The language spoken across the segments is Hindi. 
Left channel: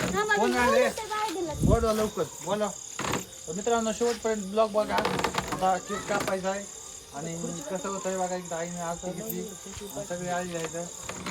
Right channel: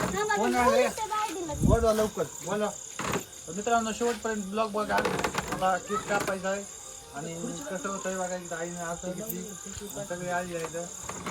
बोला बोला लवकर बोला मित्रांनो शेवटपर्यंत ब्लॉग बघा आता केक कापायचा आहे आणि कसं होतंय बघा एकदा आईने आज सगळे आई जायचं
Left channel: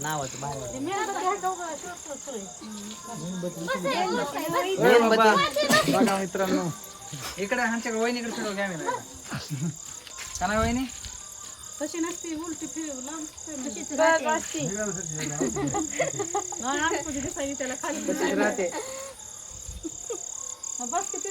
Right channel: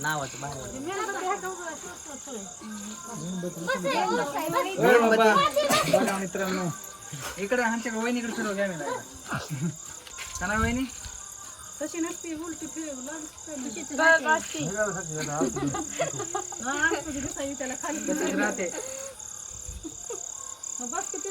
बघा मित्रांनो इकडे आमच्याकडे वहिनीकडे फिरव कॅमेरा का खाली बस किती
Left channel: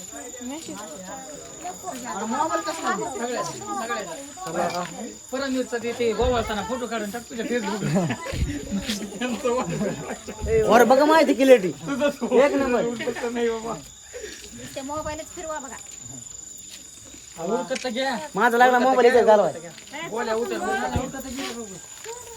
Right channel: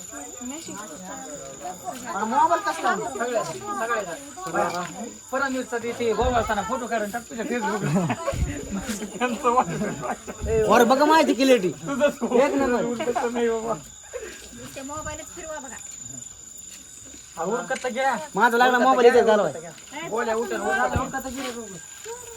परम फोटो काढून बघा माहिती क्लिअरिटी एक नंबर नाही फिरवा बघा माझा लागला मोबाईल इथे घालवाय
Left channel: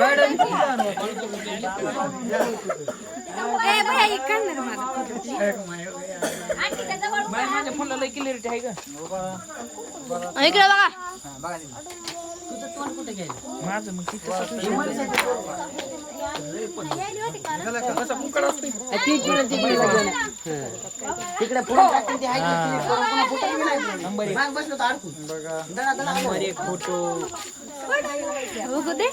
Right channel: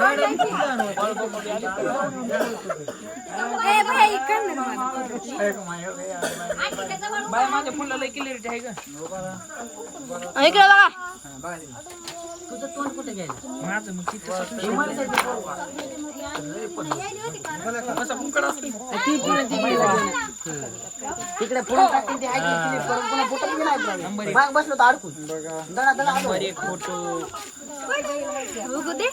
बाय माझ्या फोनला लय क्लिअरिटी आहे का इकडे बघा तुझं तोंड कुठे घ्यायचं माझं मग तिकडे फोन टाकून ते आहे की पुन्हा फोटो घेणार बसलो तर अडकून दडा दडा आलो फोटो दे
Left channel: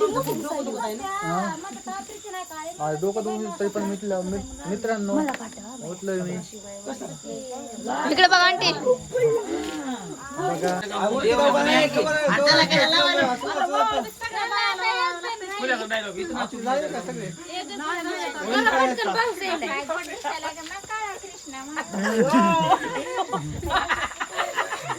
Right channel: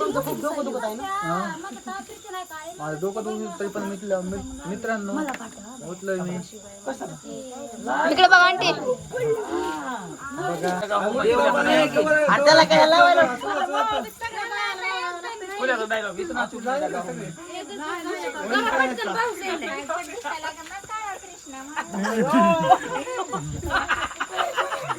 तुमचं खूप डोकं दुखत आहे ना आज डोकं दुखलं तरी पण मिटलं मित- मित्रांनो उचलंय मी तिकडे बघा आंटी हाताला काय लावायला